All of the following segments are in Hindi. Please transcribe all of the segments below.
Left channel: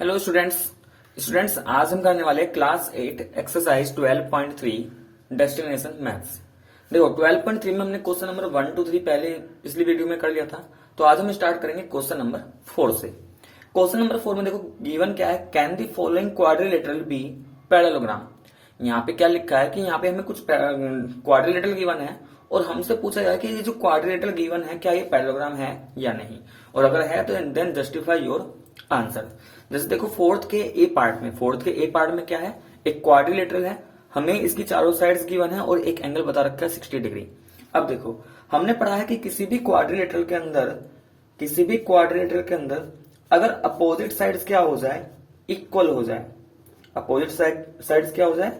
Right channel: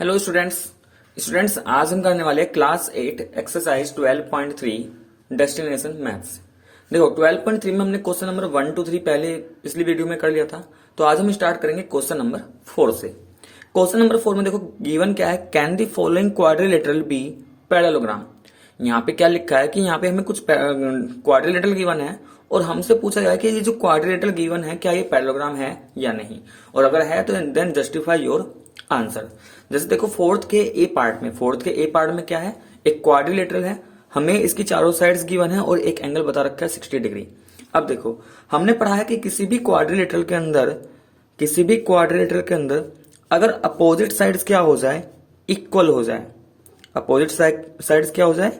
हेलो स्टूडेंट्स आज हम करने वाले क्लास 8 एक्सरसाइज 12.3 डेस्टिनेशन मैथ्स। देखो 12.3 में हमने क्वेश्चन नंबर 1 to 3 पहले पिछली वीडियो में कर लिया था। तो आज हम स्टार्ट करेंगे क्वेश्चन नंबर 4 से। क्वेश्चन नंबर 4 में देखो गिवन क्या है, can the following quadrilateral be parallelogram. यहाँ पे क्या लिखा है कि यहाँ पे हमें कुछ क्वाड्रिलेटरल गिवन है और हमसे पूछा गया कि ये जो क्वाड्रिलेटरल गिवन है क्या ये पैरेललोग्राम है या नहीं, और अगर है तो देन जस्टिफाई योर आंसर। जैसे देखो फोर्थ के ए पार्ट में क्या है, एक क्वाड्रिलेटरल है, हमें इसकी चारों साइड्स गिवन है और एक एंगल बता रखा है 60 डिग्री। अब देखो हमने पढ़ा है कि किसी भी क्वाड्रिलेटरल के अंदर अगर अपोजिट साइड्स क्या हो जाए, इक्वल हो जाए, अपोजिट साइड्स क्या हो जाए,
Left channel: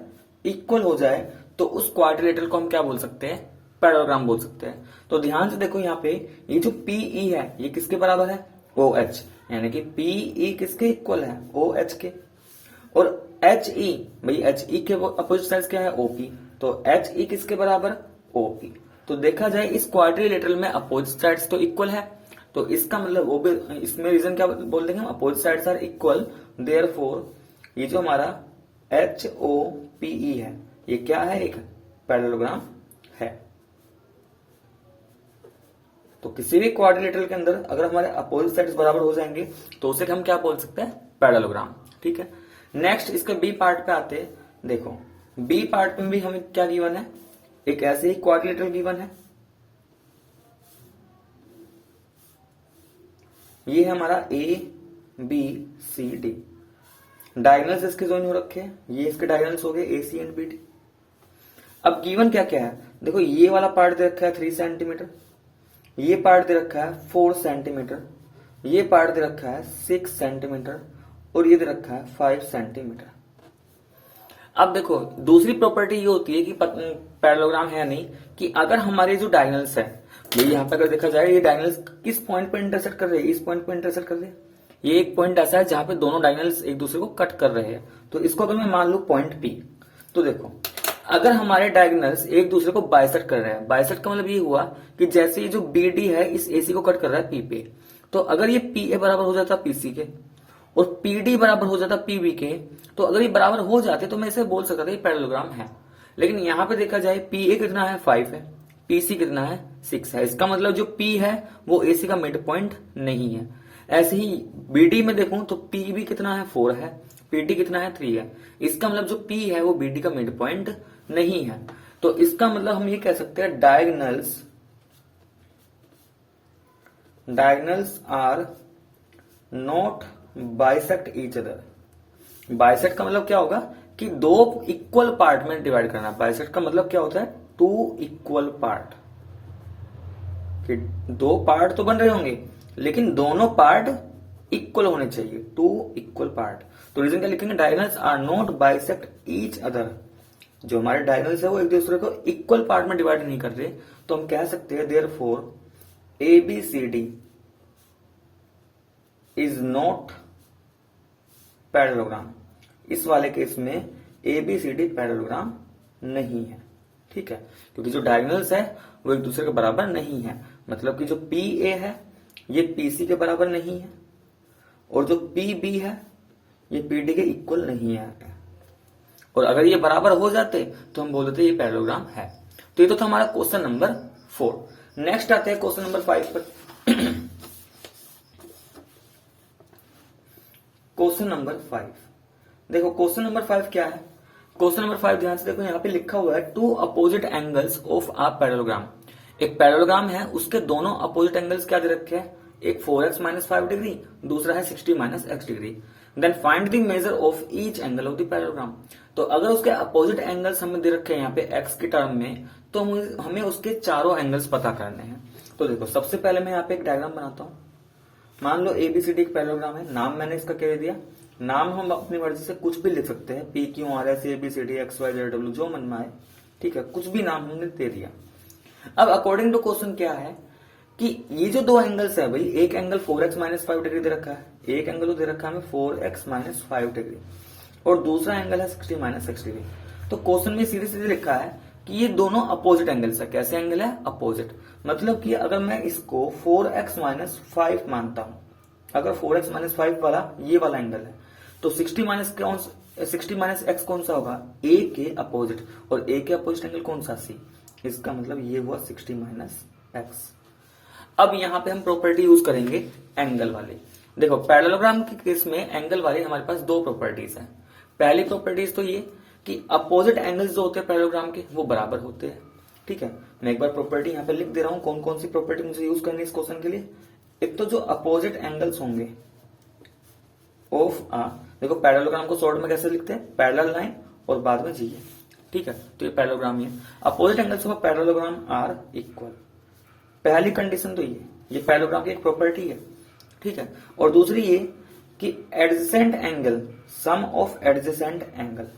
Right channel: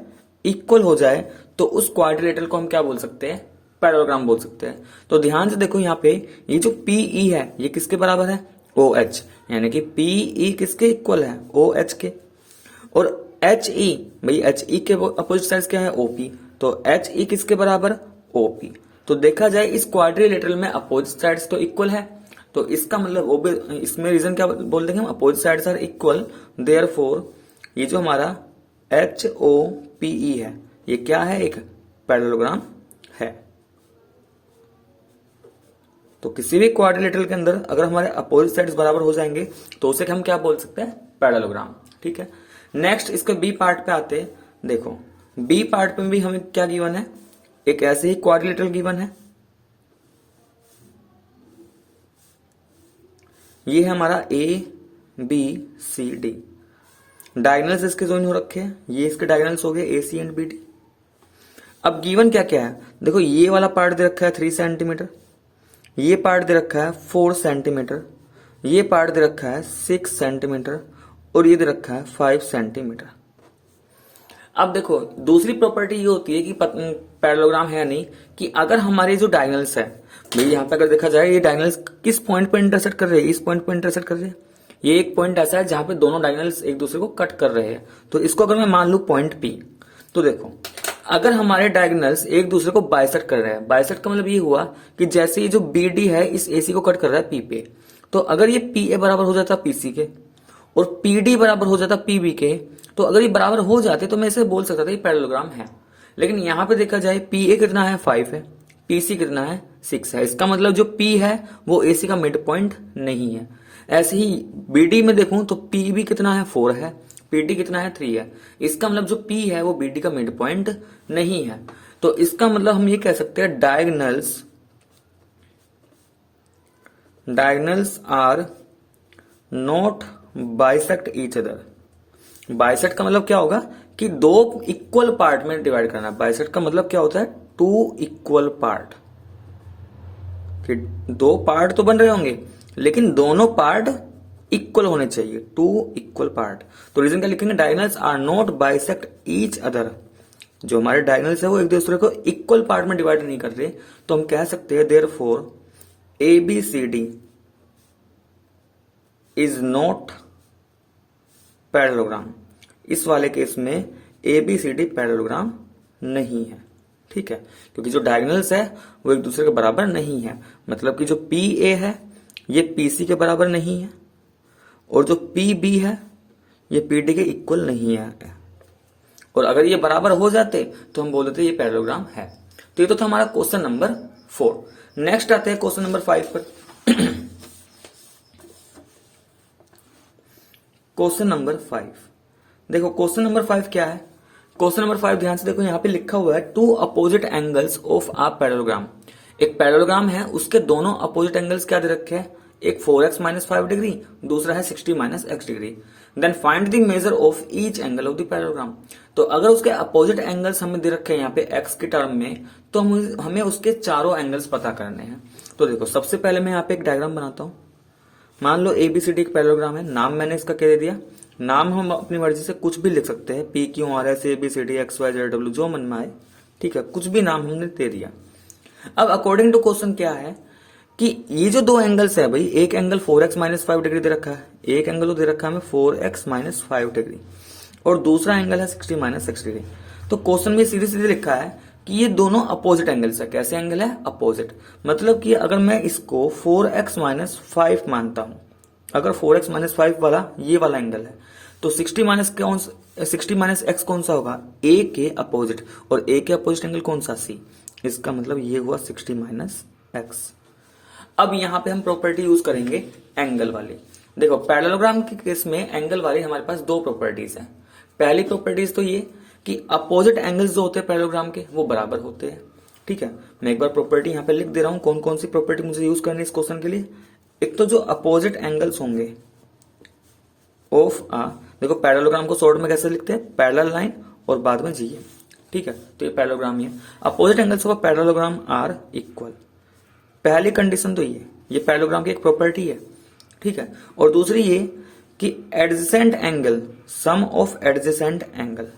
इक्वल हो जाए, तो उस क्वाड्रिलेटरल को हम क्या बोल सकते हैं, पैरेललोग्राम बोल सकते हैं। तो ध्यान से देखो यहाँ पे ये जो पीई है ये किसके बराबर है, ओ एच, यानी कि पीई किसके इक्वल है, ओ एच के। और एच ई, भाई एच ई के अपोजिट साइड क्या है, ओपी, तो एच ई किसके बराबर, ओपी। तो देखा जाए इस क्वाड्रिलेटरल में अपोजिट साइड्स तो इक्वल है, तो इसका मतलब इसमें रीजन क्या बोल देंगे हम, opposite sides are equal, therefore ये जो हमारा एच ओ पीई है ये क्या है, एक पैरेललोग्राम है। तो किसी भी क्वाड्रिलेटरल के अंदर अगर हमारे अपोजिट साइड्स बराबर हो जाएंगे तो उसे हम क्या बोल सकते हैं, पैरेललोग्राम। ठीक है, नेक्स्ट इसके बी पार्ट पे आते हैं। देखो बी पार्ट में भी हमें क्या गिवन है, एक ऐसे ही क्वाड्रिलेटरल गिवन है, ये है हमारा A B C D, diagonals इसके ज्वाइन हो रखे हैं, ये इसके डायगोनल्स हो गए A C and B D. अब गिवन क्या क्या है, देखो ये वाला पार्ट दे रखा है 3 सेंटीमीटर, ये पार्ट दे रखा है 4 सेंटीमीटर, ये पार्ट दे रखा है 6 सेंटीमीटर और ये दे रखा है 5 सेंटीमीटर। अब देखो दूसरी प्रॉपर्टी ये होती है कि पैरेललोग्राम है या नहीं, कि अगर हमारे जो डायगोनल्स है, भाई यहाँ पे अगर देखा जाए ये डायगोनल्स किस पॉइंट पर इंटरसेक्ट कर रहे हैं, इस पॉइंट पर इंटरसेक्ट कर रहे हैं। ये एक पॉइंट ऐसा है जहां पे दोनों डायगोनल्स एक दूसरे को कट कर रहे हैं, तो इसको अगर मैं मान लू पॉइंट पी, तो देखो अगर हमारे डायगोनल्स एक दूसरे को बाइसेक्ट कर रहे हैं, बाइसेक्ट का मतलब ये हुआ कि जैसे ये जो बी डी है इस एसी को कट कर रहा है पी पे, तो अगर ये पी ए बराबर हो जाता पीसी के और पी डी बराबर हो जाता पीबी के, तो अगर ये बराबर हो जाते तो मैं इसे बोल सकता था ये पैरेललोग्राम है। लेकिन यहां पे देखा जाए पी ए कितना है 5 है, पीसी कितना है 6 है, इसका मतलब जो पी है वो एसी का मिड पॉइंट नहीं है। ऐसे ही बीडी में देखूं तो पीबी कितना है 4 है, पीडी कितना है 3 है, इसका मतलब जो पी है वो बीडी का मिड पॉइंट नहीं है। तो इसका मतलब हम ये कह सकते हैं diagonals are not bisect each other. Bisect का मतलब क्या होगा कि दो इक्वल पार्ट में डिवाइड करना। बाइसेक्ट का मतलब क्या होता है, 2 इक्वल पार्ट, कि 2 पार्ट तो बन रहे होंगे लेकिन दोनों पार्ट इक्वल होने चाहिए, 2 इक्वल पार्ट। तो रीजन क्या लिखेंगे, diagonals are not bisect each other, जो हमारे डायगोनल्स है वो एक दूसरे को इक्वल पार्ट में डिवाइड नहीं कर रहे, तो हम कह सकते हैं therefore A B C D is not parallelogram. इस वाले केस में A B C D parallelogram नहीं है। ठीक है, क्योंकि जो डायगोनल्स है वो एक दूसरे के बराबर नहीं है, मतलब कि जो पी ए है ये पीसी के बराबर नहीं है और जो पी बी है ये पी डी के इक्वल नहीं है। और अगर ये बराबर हो जाते तो हम बोल देते ये पैरेललोग्राम है। तो ये तो था हमारा क्वेश्चन नंबर 4। नेक्स्ट आते हैं क्वेश्चन नंबर 5 पर। क्वेश्चन नंबर 5, देखो क्वेश्चन नंबर 5 क्या है। क्वेश्चन नंबर 5 ध्यान से देखो, यहाँ पे लिखा हुआ है 2 opposite angles of a parallelogram. एक पैरेललोग्राम है, उसके दोनों अपोजिट एंगल्स क्या दे रखे हैं, एक 4x - 5 डिग्री, दूसरा है 60 - x degree. Then find the measure of each angle of the parallelogram. तो अगर उसके अपोजिट एंगल्स हमें दे रखे हैं यहाँ पे x के टर्म में, तो हमें उसके चारों एंगल्स पता करने हैं। तो देखो सबसे पहले मैं यहाँ पे एक डायग्राम बनाता हूँ। मान लो एबीसीडी एक पैरेललोग्राम है, नाम मैंने इसका क्या दे दिया, नाम हम अपनी मर्जी से कुछ भी लिख सकते हैं, P Q R S A B C D X Y Z W, जो मन में आए। ठीक है, कुछ भी नाम हमने दे दिया। अब अकॉर्डिंग टू क्वेश्चन क्या है कि ये जो 2 एंगल्स है, भाई एक एंगल 4x - 5 डिग्री दे रखा है, एक एंगल तो दे रखा है हमें 4x - 5 डिग्री, और दूसरा एंगल है 60 - x डिग्री। तो क्वेश्चन में सीधे सीधे लिखा है कि ये दोनों अपोजिट एंगल्स है। कैसे एंगल है, अपोजिट, मतलब कि अगर मैं इसको 4x - 5 मानता हूं, अगर 4x माइनस 5 वाला ये वाला एंगल है तो 60 माइनस एक्स कौन सा होगा, ए के अपोजिट, और ए के अपोजिट एंगल कौन सा, सी। इसका मतलब ये हुआ 60 माइनस एक्स। अब यहां पे हम प्रॉपर्टी यूज करेंगे एंगल वाली। देखो पैरेललोग्राम के केस में एंगल वाली हमारे पास दो प्रॉपर्टीज हैं। पहली प्रॉपर्टीज तो ये कि अपोजिट एंगल्स जो होते हैं पैरेललोग्राम के वो बराबर होते हैं। ठीक है, मैं एक बार प्रॉपर्टी यहां पे लिख दे रहा हूं, कौन कौन सी प्रॉपर्टी मुझे यूज करनी है इस क्वेश्चन के लिए। एक तो जो अपोजिट एंगल्स होंगे ऑफ देखो पैरेललोग्राम को शॉर्ट में कैसे लिखते हैं, पैरेलल लाइन और बाद में जी है। ठीक है, तो ये पैरेललोग्राम ही है। Opposite angles of parallelogram are equal, पहली कंडीशन तो ये पैरेललोग्राम की एक प्रॉपर्टी है। ठीक है, और दूसरी ये कि adjacent angle, sum of adjacent angle,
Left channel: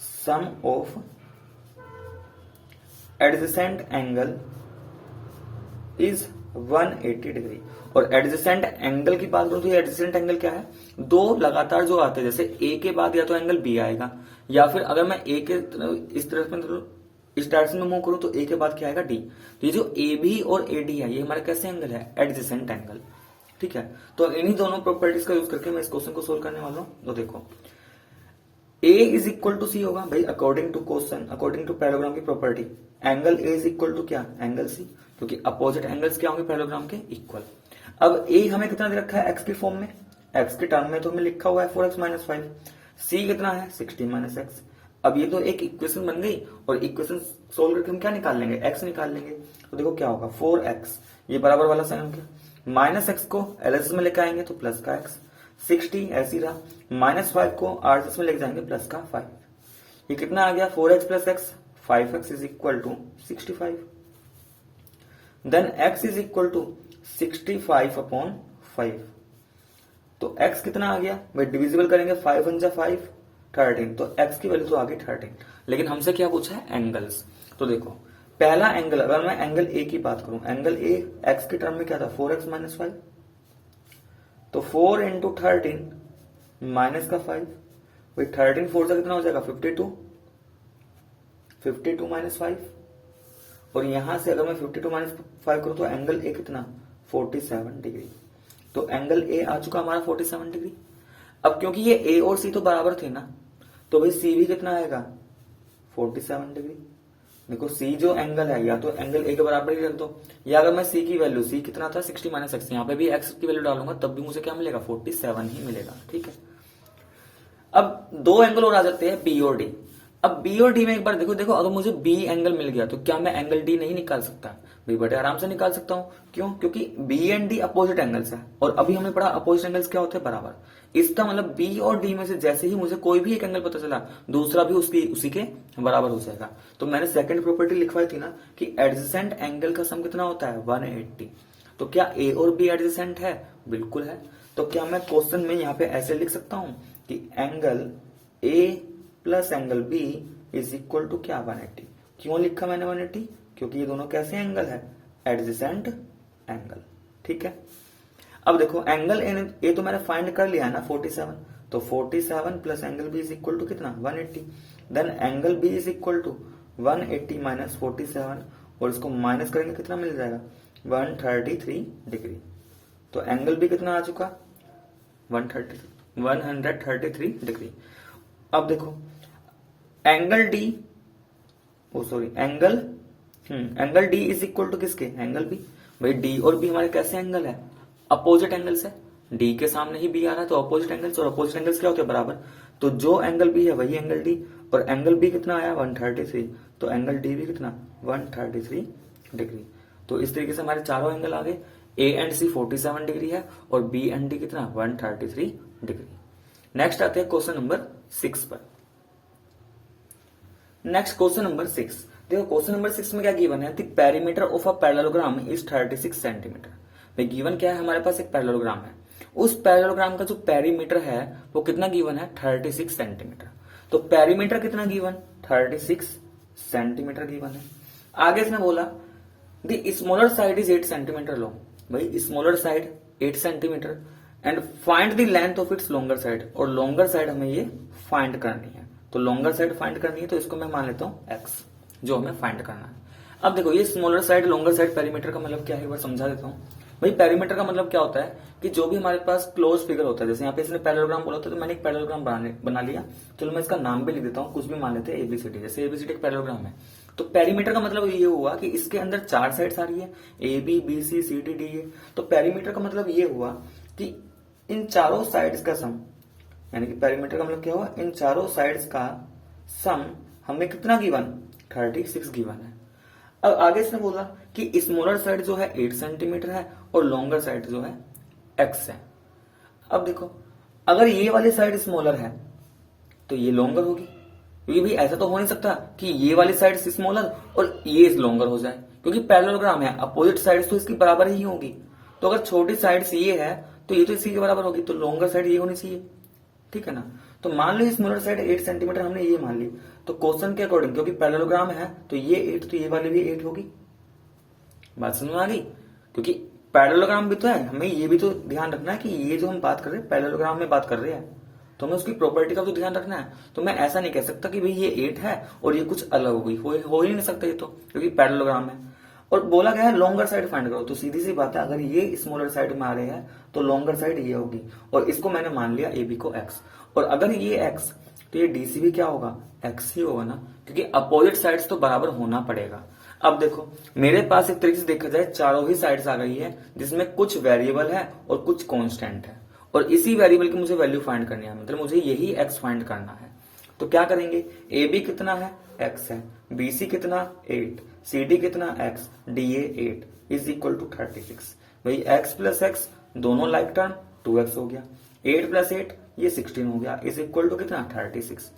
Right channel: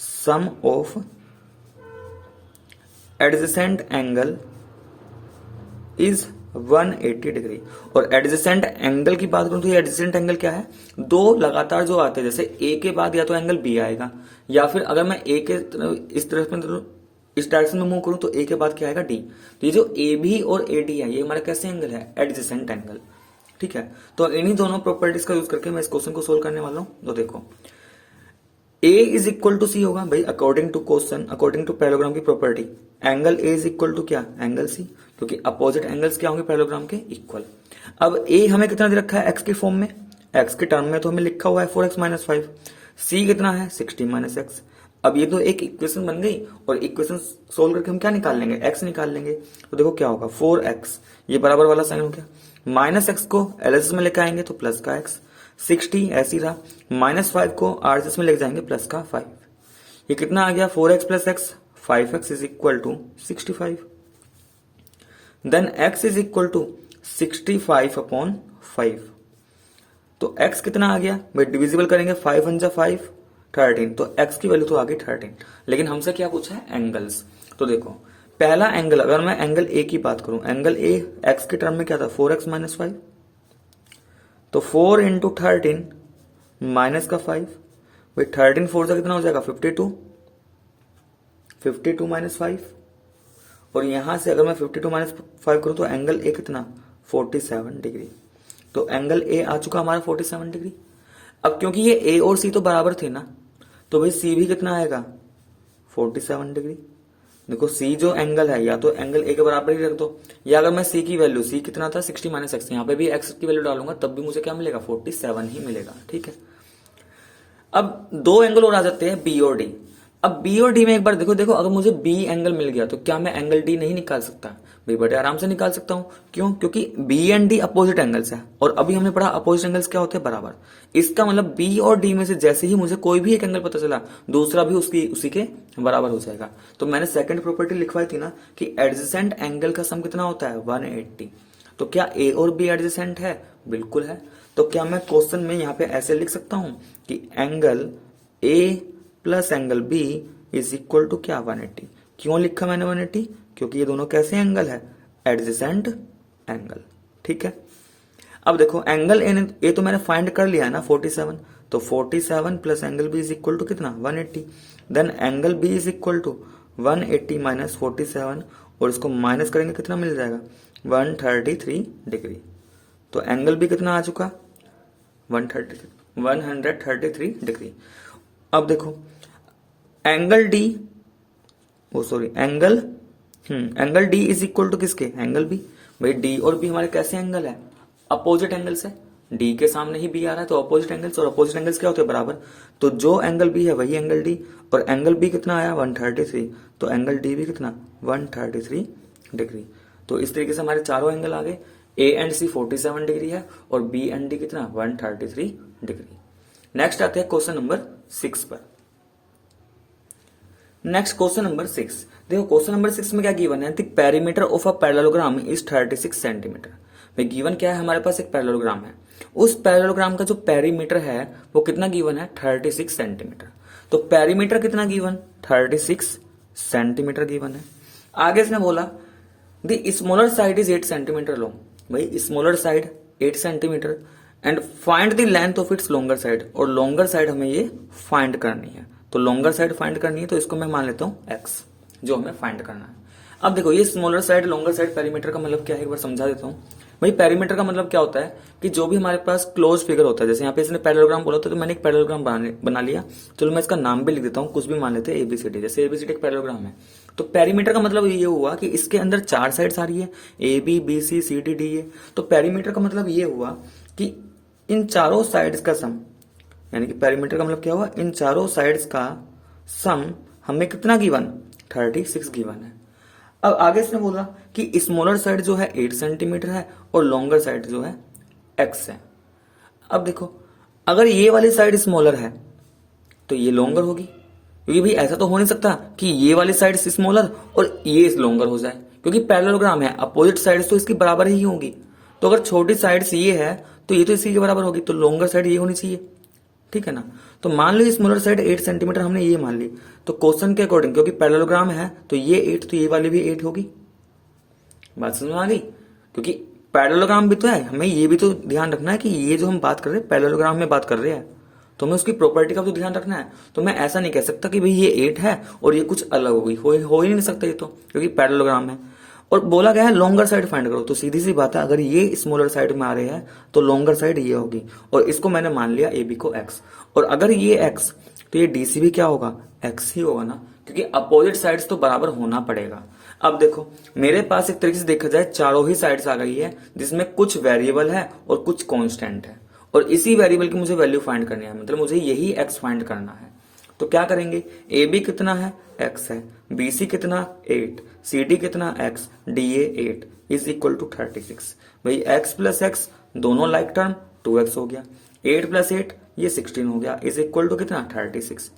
sum of adjacent angle is 180 degree. और एडजेसेंट एंगल की बात करूं तो ये एडजेसेंट एंगल क्या है, दो लगातार जो आते हैं, जैसे ए के बाद या तो एंगल बी आएगा, या फिर अगर मैं ए के इस तरफ में इस डायरेक्शन में मूव करूं तो ए के बाद क्या आएगा, डी। तो ये जो ए बी और ए डी है ये हमारे कैसे एंगल है, एडजेसेंट एंगल। ठीक है, तो इन्हीं दोनों प्रॉपर्टीज का यूज करके मैं इस क्वेश्चन को सोल्व करने वाला हूं। तो देखो A is equal to C होगा भाई, according to question, according to parallelogram की property, angle A is equal to क्या, एंगल सी, क्योंकि अपोजिट एंगल्स क्या होंगे पैरेललोग्राम के, इक्वल। अब ए हमें कितना दे रखा है, एक्स के फॉर्म में, एक्स के टर्म में तो हमें लिखा हुआ है 4x माइनस 5, सी कितना है 60 माइनस एक्स। अब ये तो एक इक्वेशन बन गई, और इक्वेशन सोल्व करके हम क्या निकाल लेंगे, एक्स निकाल लेंगे। तो देखो क्या होगा, 4x ये बराबर वाला साइन हो गया, माइनस एक्स को एलएचएस में लेकर आएंगे तो प्लस का एक्स, 60 ऐसी रहा, माइनस 5 को आरएचएस में लेकर जाएंगे प्लस का 5। ये कितना आ गया, 4x plus X, 5x is equal to 65। Then x is equal to 65 upon 5। तो x कितना आ गया भाई, डिविजिबल करेंगे 5 1 जा 5, 13, तो x की वैल्यू तो आ गई 13। लेकिन हमसे क्या पूछा है, एंगल्स। तो देखो पहला एंगल, अगर मैं एंगल ए की बात करूं, एंगल ए x के टर्म में क्या था, 4x माइनस 5, तो 4 इंटू 13 माइनस का 5, भाई 13 4 से कितना हो जाएगा 52, 52 माइनस 5, और यहां से अगर मैं 52 माइनस 5 करूं तो एंगल ए कितना 47 डिग्री। तो एंगल ए आ चुका हमारा 47 डिग्री। अब क्योंकि ये ए और सी तो बराबर थे ना, तो भाई सी भी कितना आएगा 47 डिग्री। देखो सी जो एंगल है, या तो एंगल ए के बराबर ही रख दो, या अगर मैं सी की वैल्यू, सी कितना था 60 माइनस एक्स, यहाँ पे भी एक्स की वैल्यू डालूंगा तब भी मुझे क्या मिलेगा 47 ही मिलेगा। ठीक है, अब दो एंगल और आ जाते हैं बी और डी। अब बी और डी में एक बार देखो अगर मुझे बी एंगल मिल गया तो क्या मैं एंगल डी नहीं निकाल सकता, भाई बड़े आराम से निकाल सकता हूं। क्यों, क्योंकि B and D opposite angles है, और अभी हमने पढ़ा अपोजिट एंगल्स क्या होते हैं, बराबर। इसका मतलब बी और डी में से जैसे ही मुझे कोई भी एक एंगल पता चला, दूसरा भी उसी के बराबर हो जाएगा। तो मैंने सेकंड प्रॉपर्टी लिखवाई थी ना कि एडजेसेंट एंगल का सम कितना होता है 180। तो क्या ए और बी एडजेसेंट है, बिल्कुल है। तो क्या मैं क्वेश्चन में यहाँ पे ऐसे लिख सकता हूं कि angle A plus angle B is equal to क्या 180। क्यों लिखा मैंने 180, क्योंकि ये दोनों कैसे एंगल है, एडजेसेंट एंगल। ठीक है, अब देखो एंगल ए तो मैंने फाइंड कर लिया है ना 47, तो 47 plus angle B is equal to कितना 180। Then angle B is equal to 180 minus 47, और इसको माइनस करेंगे कितना मिल जाएगा 133 डिग्री। तो एंगल बी कितना आ चुका 133 डिग्री। अब देखो angle D, angle D is equal to किसके, एंगल बी। भाई डी और बी हमारे कैसे एंगल है, अपोजिट एंगल्स है। डी के सामने ही बी आ रहा है तो अपोजिट एंगल्स, और अपोजिट एंगल्स क्या होते हैं, बराबर। तो जो एंगल बी है वही एंगल डी, और एंगल बी कितना आया 133, तो एंगल डी भी कितना 133 डिग्री। तो इस तरीके से हमारे चारों एंगल आ गए, ए एंड सी 47 डिग्री है, और बी एंड डी कितना 133 डिग्री। नेक्स्ट आते हैं क्वेश्चन नंबर 6 पर। नेक्स्ट क्वेश्चन नंबर 6, देखो क्वेश्चन नंबर 6 में क्या गिवन है, the perimeter of a parallelogram is 36 centimetre. भाई गिवन क्या है, हमारे पास एक पैरेललोग्राम है, उस पैरेललोग्राम का जो पेरीमीटर है वो कितना गिवन है 36 सेंटीमीटर। तो पेरीमीटर कितना गिवन 36 सेंटीमीटर गिवन है। आगे इसने बोला the smaller side is 8 centimetre long. भाई smaller side 8 centimetre and find the length of its longer side, और लॉन्गर साइड हमें ये फाइंड करनी है। तो लॉन्गर साइड फाइंड करनी है, तो इसको मैं मान लेता हूं x, जो हमें फाइंड करना है। अब देखो ये smaller side longer side perimeter का मतलब क्या है, एक बार समझा देता हूं। भाई पेरीमीटर का मतलब क्या होता है कि जो भी हमारे पास क्लोज फिगर होता है, जैसे यहाँ पे इसने पैरेललोग्राम बोला था तो मैंने एक पैरेललोग्राम बना लिया। चलो मैं इसका नाम भी लिख देता हूँ, कुछ भी मान लेते हैं एबीसीडी, जैसे एबीसीडी एक पैरेललोग्राम है। तो पेरीमीटर का मतलब ये हुआ कि इसके अंदर 4 साइड्स आ रही है, A B B C C D D A. तो पेरीमीटर का मतलब ये हुआ कि इन चारों साइड्स का सम, यानी कि पेरीमीटर का मतलब क्या हुआ, इन चारों साइड्स का सम हमें कितना गिवन, 36 गिवन है। अब आगे इसने बोला कि स्मॉलर साइड जो है 8 सेंटीमीटर है और लॉन्गर साइड जो है x है। अब देखो, अगर ये वाली साइड स्मॉलर है तो ये लॉन्गर होगी, क्योंकि भाई ऐसा तो हो नहीं सकता कि ये वाली साइड स्मॉलर और ये लॉन्गर हो जाए, क्योंकि पैरेललोग्राम है, अपोजिट साइड्स तो इसकी बराबर ही होगी। तो अगर छोटी साइड्स ये है तो ये तो इसी के बराबर होगी, तो लॉन्गर साइड ये होनी चाहिए, ठीक है ना। तो मान लो स्मॉलर साइड 8 सेंटीमीटर हमने ये मान ली, तो क्वेश्चन के अकॉर्डिंग क्योंकि पैरेललोग्राम है तो ये 8, तो ये वाली भी 8 होगी। बात समझ में आ गई, क्योंकि पैरेललोग्राम भी तो है, हमें ये भी तो ध्यान रखना है कि ये जो हम बात कर रहे हैं पैरेललोग्राम में बात कर रहे हैं, तो हमें उसकी प्रॉपर्टी का तो ध्यान रखना है। तो मैं ऐसा नहीं कह सकता कि भाई ये 8 है और ये कुछ अलग होगी, हो ही नहीं सकता ये तो, क्योंकि पैरेललोग्राम है। और बोला गया है लॉन्गर साइड फाइंड करो, तो सीधी सी बात है, अगर ये स्मॉलर साइड में आ रहे हैं तो लॉन्गर साइड ये होगी, और इसको मैंने मान लिया ए बी को x, और अगर ये x तो ये डीसी भी क्या होगा, x ही होगा ना, क्योंकि अपोजिट साइड्स तो बराबर होना पड़ेगा। अब देखो मेरे पास एक तरीके से देखा जाए चारों ही साइड्स आ गई है, जिसमें कुछ वेरिएबल है और कुछ कांस्टेंट है, और इसी वेरिएबल की मुझे वैल्यू फाइंड करनी है, मतलब मुझे यही x फाइंड करना है। तो क्या करेंगे, ए बी कितना है, x है, बी सी कितना 8, सी डी कितना x, D A 8 is equal to 36। भाई x प्लस x दोनों लाइक टर्म 2x हो गया, 8 प्लस 8 ये 16 हो गया, इज इक्वल टू कितना 36।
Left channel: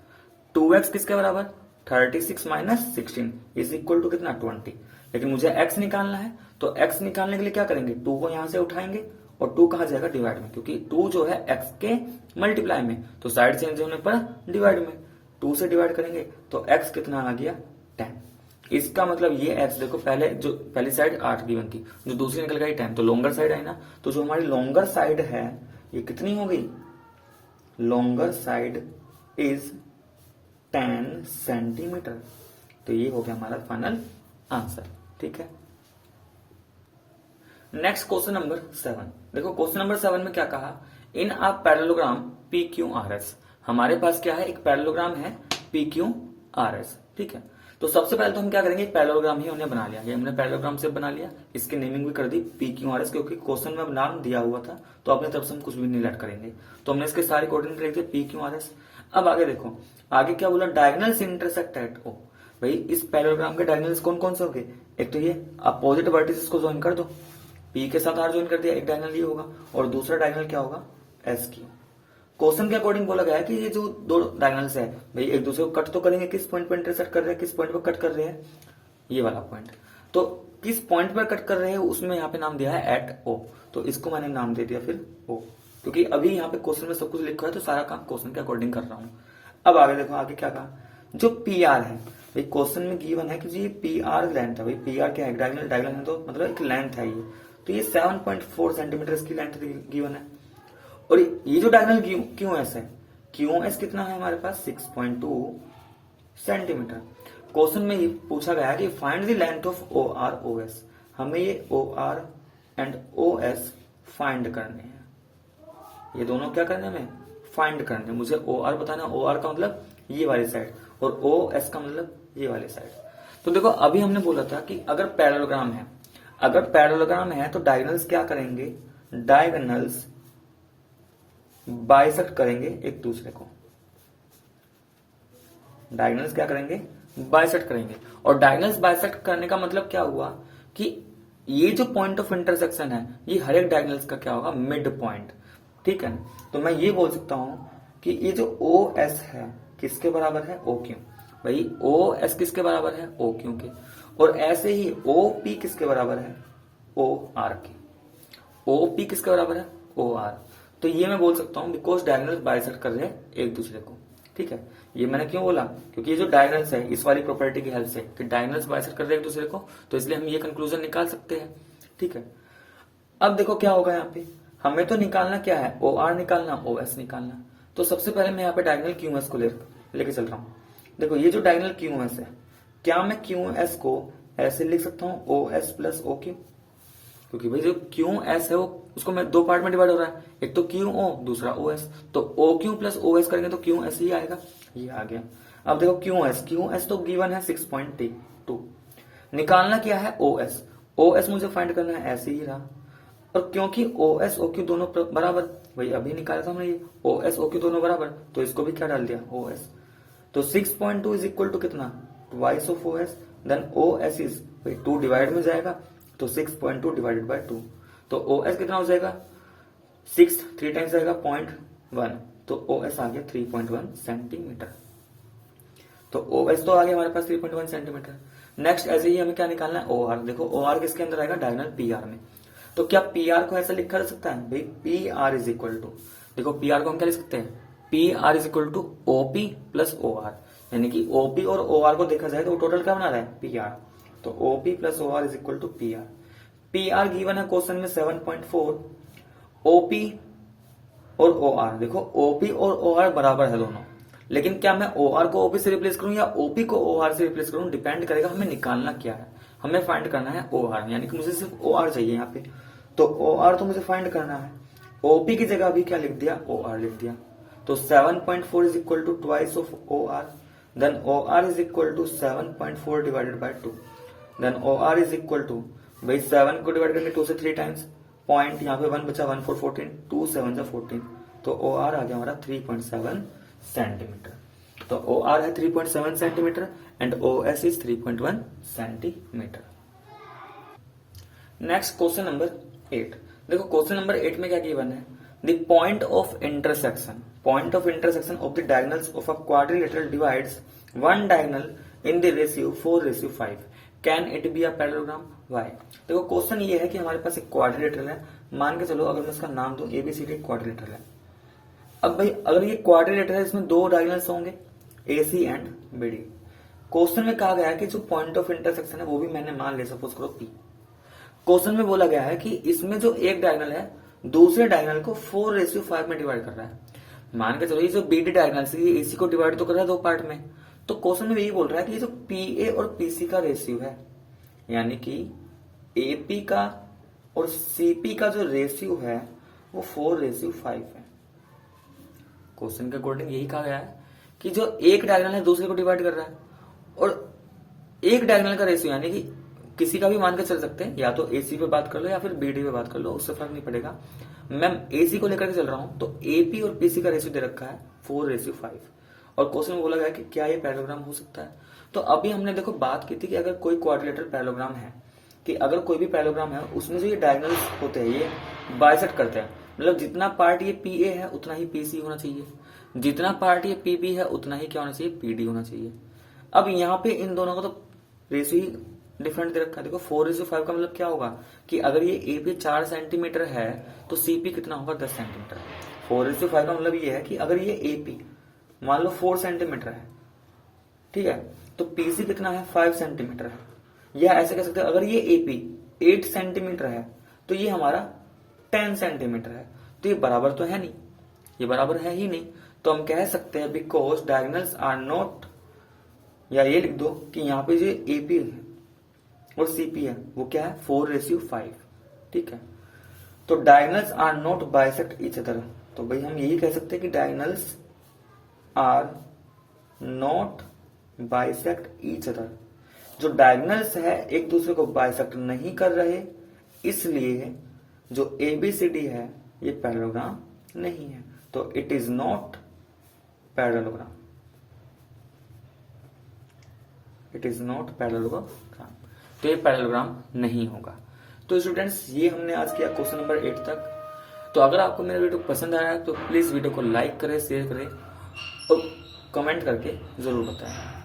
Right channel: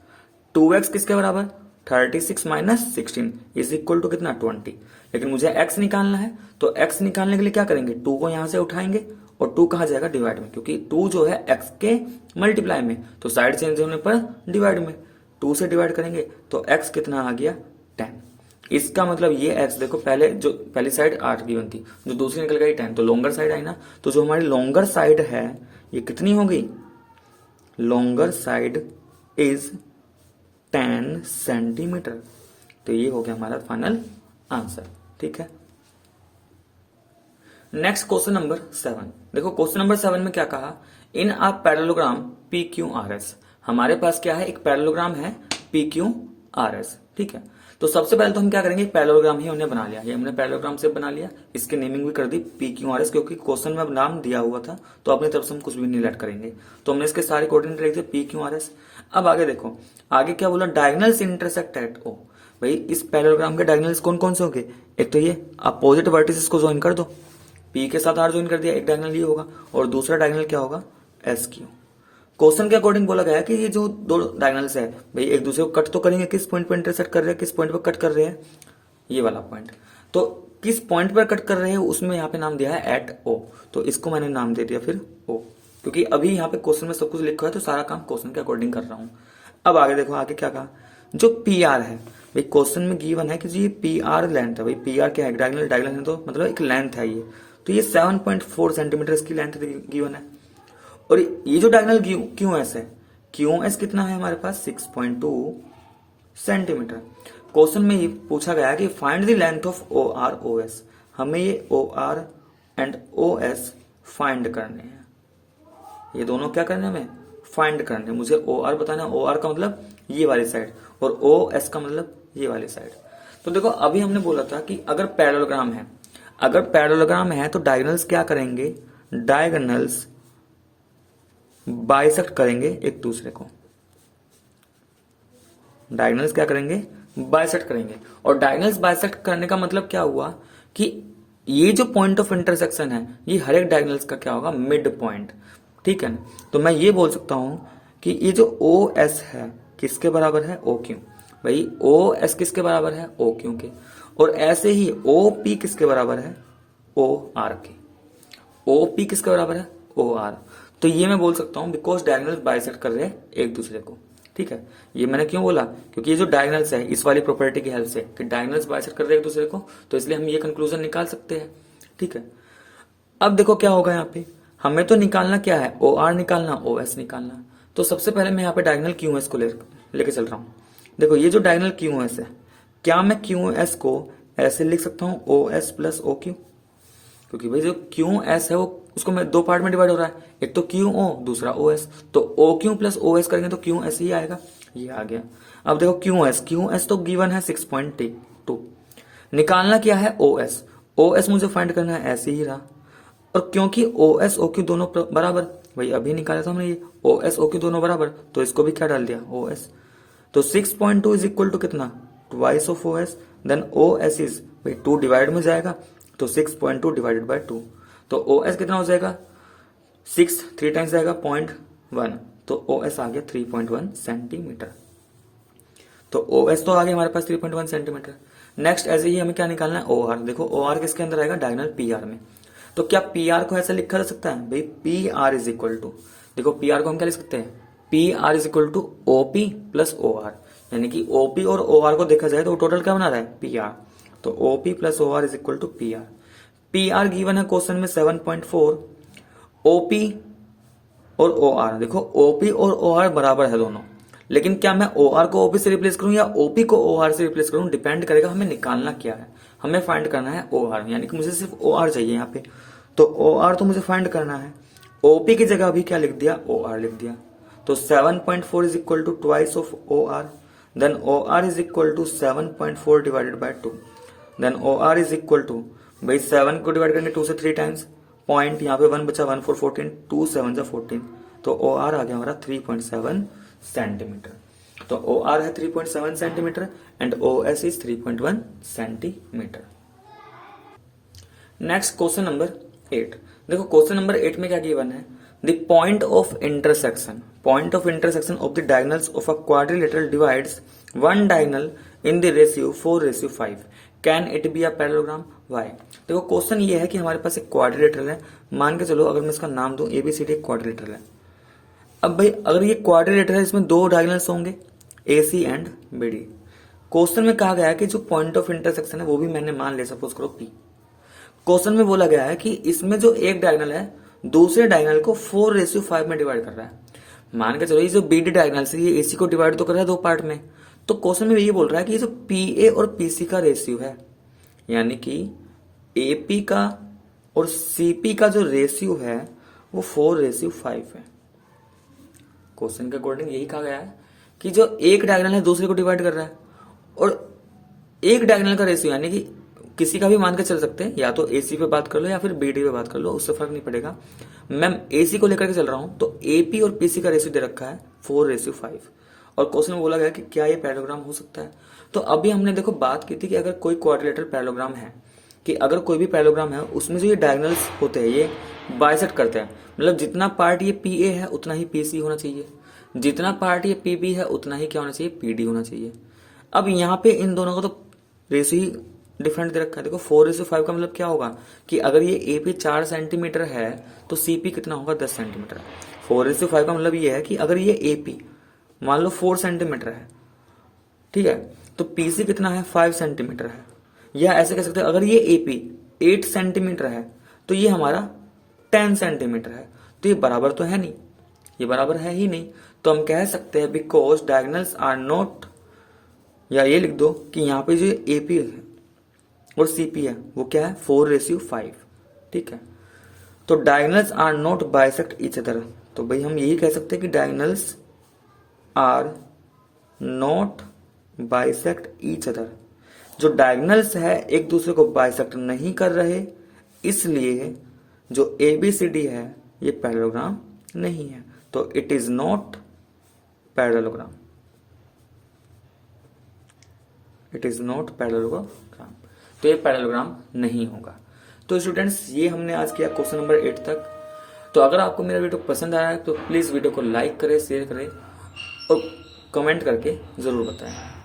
2x किसके बराबर, 36 माइनस 16 इज इक्वल टू कितना 20। लेकिन मुझे x निकालना है, तो x निकालने के लिए क्या करेंगे, 2 को यहां से उठाएंगे और 2 कहा जाएगा डिवाइड में, क्योंकि 2 जो है x के मल्टीप्लाई में, तो साइड चेंज होने पर डिवाइड में 2 से डिवाइड करेंगे तो x कितना आ गया 10। इसका मतलब ये x देखो, पहली साइड 8 गिवन थी, जो दूसरी निकल गई 10, तो लॉन्गर साइड आई ना, तो जो हमारी लॉन्गर साइड है ये कितनी हो गई, लॉन्गर साइड इज 10 सेंटीमीटर। तो ये हो गया हमारा फाइनल आंसर, ठीक है। Next question number 7। देखो क्वेश्चन नंबर 7 में क्या कहा, in a parallelogram P Q R S. हमारे पास क्या है, एक पैरेललोग्राम है पी क्यू आर एस, ठीक है। तो सबसे पहले तो हम क्या करेंगे, पैरेललोग्राम ही हमने बना लिया, ये हमने पैरेललोग्राम से बना लिया, इसकी नेमिंग भी कर दी पी क्यू आर एस, क्योंकि क्वेश्चन में अब नाम दिया हुआ था तो अपनी तरफ से हम कुछ भी नहीं लेट करेंगे, तो हमने इसके सारे कोऑर्डिनेट लिख दिए पी क्यू आर एस। अब आगे देखो, आगे क्या बोला, डायगोनल्स इंटरसेक्ट एट ओ। भाई इस पैरेललोग्राम के डायगोनल्स कौन कौन से होंगे, एक तो ये अपोजिट वर्टिसेस को ज्वाइन कर दो, पी के साथ आर ज्वाइन कर दिया, एक डायगोनल ये होगा, और दूसरा डायगोनल क्या होगा, एस क्यू। क्वेश्चन के अकॉर्डिंग बोला गया है कि ये जो दो डायगोनल्स है भाई एक दूसरे को कट तो करेंगे, किस पॉइंट पर इंटरसेक्ट कर रहे हैं, किस पॉइंट पर कट कर रहे हैं, ये वाला पॉइंट। तो किस पॉइंट पर कट कर रहे हैं उसमें यहाँ पे नाम दिया है एट ओ, तो इसको मैंने नाम दे दिया फिर ओ, क्योंकि अभी यहाँ पे क्वेश्चन में सब कुछ लिखा है तो सारा काम क्वेश्चन के अकॉर्डिंग कर रहा हूँ। अब आगे देखो, आगे क्या कहा, जो पी आर है, भाई क्वेश्चन में गिवन है कि जी पी आर लेंथ है, भाई पी आर क्या है, डायगोनल, डायगोनल है तो मतलब एक लेंथ है ये, तो ये 7.4 सेंटीमीटर इसकी लेंथ गिवन है। और ये जो डायगोनल क्यू एस है, क्यू एस कितना है हमारे पास 6.2 सेंटीमीटर। क्वेश्चन में ये पूछा गया है कि find the length of O R O S, हमें ये O R and O S find करने हैं, ये दोनों क्या करने हमें फाइंड करने, मुझे ओ आर बताना, ओ आर का मतलब ये वाली साइड और ओ एस का मतलब ये वाली साइड। तो देखो अभी हमने बोला था कि अगर पैरेललोग्राम है, अगर पैरेललोग्राम है तो डायगोनल्स क्या करेंगे, डायगोनल्स बाइसेक्ट करेंगे एक दूसरे को, डायगोनल्स क्या करेंगे, बाइसेक्ट करेंगे। और डायगोनल्स बाइसेक्ट करने का मतलब क्या हुआ कि ये जो पॉइंट ऑफ इंटरसेक्शन है ये हर एक डायगोनल्स का क्या होगा, मिड पॉइंट, ठीक है ना। तो मैं ये बोल सकता हूं कि ये जो ओ एस है किसके बराबर है, ओ क्यू। भाई ओ एस किसके बराबर है, ओ क्यू के, और ऐसे ही ओ पी किसके बराबर है, ओ आर के। ओ पी किसके बराबर है, ओ आर। तो ये मैं बोल सकता हूं बिकॉज डायगोनल्स बाइसेक्ट कर रहे हैं एक दूसरे को, ठीक है। ये मैंने क्यों बोला, क्योंकि ये जो डायगोनल्स है इस वाली प्रॉपर्टी की हेल्प से कि डायगोनल्स बाइसेक्ट कर रहे हैं एक दूसरे को, तो इसलिए हम ये कंक्लूजन निकाल सकते हैं, ठीक है। अब देखो क्या होगा, यहाँ पे हमें तो निकालना क्या है, ओ आर निकालना, ओ एस निकालना। तो सबसे पहले मैं यहाँ पे डायगोनल क्यू एस को लेके चल रहा हूँ। देखो ये जो डायगोनल क्यू एस है, क्या मैं क्यू एस को ऐसे लिख सकता हूँ, O S plus O Q. क्योंकि भाई जो क्यू एस है वो उसको मैं दो पार्ट में डिवाइड हो रहा है, एक तो क्यू ओ दूसरा ओ एस, तो O Q plus O S करेंगे तो क्यू एस ही आएगा, ये आ गया। अब देखो क्यू एस तो गिवन है 6.2, निकालना क्या है ओ एस मुझे फाइंड करना है, ऐसे ही रहा। और क्योंकि ओ एस ओ क्यू दोनों बराबर, भाई अभी निकाला था हमने ये ओ एस ओ क्यू दोनों बराबर, तो इसको भी क्या डाल दिया ओ एस। तो 6.2 इज इक्वल टू कितना, twice of O S, then O S is भाई 2 डिवाइड में जाएगा तो 6.2 डिवाइडेड बाय 2, तो ओ एस कितना हो जाएगा 6, 3 टाइम्स जाएगा 0.1, तो ओ एस आ गया 3.1 सेंटीमीटर। तो ओ एस तो आ गया हमारे पास 3.1 सेंटीमीटर। नेक्स्ट ऐसे ही हमें क्या निकालना है ओ आर। देखो ओ आर किसके अंदर आएगा, डायगोनल पी आर में। तो क्या पी आर को ऐसे लिखा जा सकता है भाई, P R is equal to, देखो पी आर को हम क्या लिख सकते हैं, P R is equal to OP plus O R, यानी कि ओपी और ओ आर को देखा जाए तो टोटल क्या बना रहा है पी आर, तो OP plus O R is equal to P R. P R given है क्वेश्चन में 7.4, ओपी और ओ आर, देखो ओपी और ओ आर बराबर है दोनों, लेकिन क्या मैं ओ आर को ओपी से रिप्लेस करूं या ओपी को ओ आर से रिप्लेस करूं, डिपेंड करेगा हमें निकालना क्या है। हमें फाइंड करना है ओ आर, यानी कि मुझे सिर्फ ओ आर चाहिए यहाँ पे, तो ओ आर तो मुझे फाइंड करना है। ओपी की जगह अभी क्या लिख दिया, ओ आर लिख दिया, तो 7.4 is equal to twice of O R, then O R is equal to 7.4 divided by 2, then O R is equal to, भाई 7 को डिवाइड करेंगे 2 से 3 टाइम्स, पॉइंट यहाँ पे 1 बचा, 1 4 14, 2 7 जा 14, तो ओ आर आ गया हमारा 3.7 सेंटीमीटर। तो ओ आर है 3.7 centimetre and O S is 3.1 centimetre. Next question number 8। देखो क्वेश्चन नंबर 8 में क्या गिवन है, the point of intersection of the diagonals of a quadrilateral divides one diagonal in the ratio 4:5, can it be a parallelogram, why. देखो क्वेश्चन ये है कि हमारे पास एक क्वाड्रिलेटरल है, मान के चलो अगर मैं इसका नाम दूं एबीसीडी क्वाड्रिलेटरल है। अब भाई अगर ये क्वाड्रिलेटरल है, इसमें दो डायगोनल्स होंगे एसी एंड बीडी। क्वेश्चन में कहा गया है कि जो पॉइंट ऑफ इंटरसेक्शन है वो भी मैंने मान लिया, सपोज करो पी। क्वेश्चन में बोला गया है कि इसमें जो एक डायगोनल है दूसरे डायगोनल को 4:5 में डिवाइड कर रहा है। मान के चलो ये जो बीडी डायगोनल है ये एसी को डिवाइड तो कर रहा है दो पार्ट में, तो क्वेश्चन में ये बोल रहा है कि ये जो पीए और पीसी का रेशियो है, यानी कि एपी का और सीपी का जो रेशियो है वो 4:5 है। क्वेश्चन के अकॉर्डिंग यही कहा गया है कि जो एक डायगोनल है दूसरे को डिवाइड कर रहा है, और एक डायगोनल का रेशियो यानी कि किसी का भी मान के चल सकते हैं, या तो एसी पे बात कर लो या फिर बीडी पे बात कर लो, उससे फर्क नहीं पड़ेगा। मैं एसी को लेकर के चल रहा हूं, तो एपी और पीसी का रेशियो दे रखा है 4:5, और क्वेश्चन में बोला गया कि क्या ये पैरेललोग्राम हो सकता है। तो अभी हमने देखो बात की थी कि अगर कोई क्वाड्रिलेटरल पैरेललोग्राम है, कि अगर कोई भी पैरेललोग्राम है उसमें जो ये डायगोनल्स होते हैं ये बाइसेक्ट करते हैं, मतलब जितना पार्ट ये पीए है उतना ही पीसी होना चाहिए, जितना पार्ट ये पीबी है उतना ही क्या होना चाहिए, पीडी होना चाहिए। अब यहाँ पे इन दोनों का तो रेशियो डिफरेंट दे रखा है। देखो 4:5 का मतलब क्या होगा कि अगर ये एपी 4 सेंटीमीटर है तो सीपी कितना होगा 10 सेंटीमीटर। 4:5 का मतलब ये है कि अगर ये एपी मान लो 4 सेंटीमीटर है, ठीक है, तो पीसी कितना है 5 सेंटीमीटर है। या ऐसे कह सकते हैं अगर ये एपी 8 सेंटीमीटर है तो ये हमारा 10 सेंटीमीटर है, तो ये बराबर तो है नहीं, ये बराबर है ही नहीं। तो हम कह सकते हैं बिकॉज डायगोनल्स आर नॉट, या ये लिख दो कि यहाँ पे जो एपी है और सीपी है वो क्या है 4:5, ठीक है। तो diagonals are not bisect each other, तो भाई हम यही कह सकते हैं कि diagonals are not bisect each other. जो डायगोनल्स है एक दूसरे को बाइसेक्ट नहीं कर रहे, इसलिए जो एबीसीडी है ये पैरेललोग्राम नहीं है, तो it is not parallelogram, it is not parallelogram, तो ये पैरेललोग्राम नहीं होगा। तो स्टूडेंट्स ये हमने आज किया क्वेश्चन नंबर 8 तक। तो अगर आपको मेरा वीडियो पसंद आया है तो प्लीज वीडियो को लाइक करें, शेयर करें और कमेंट करके जरूर बताएं।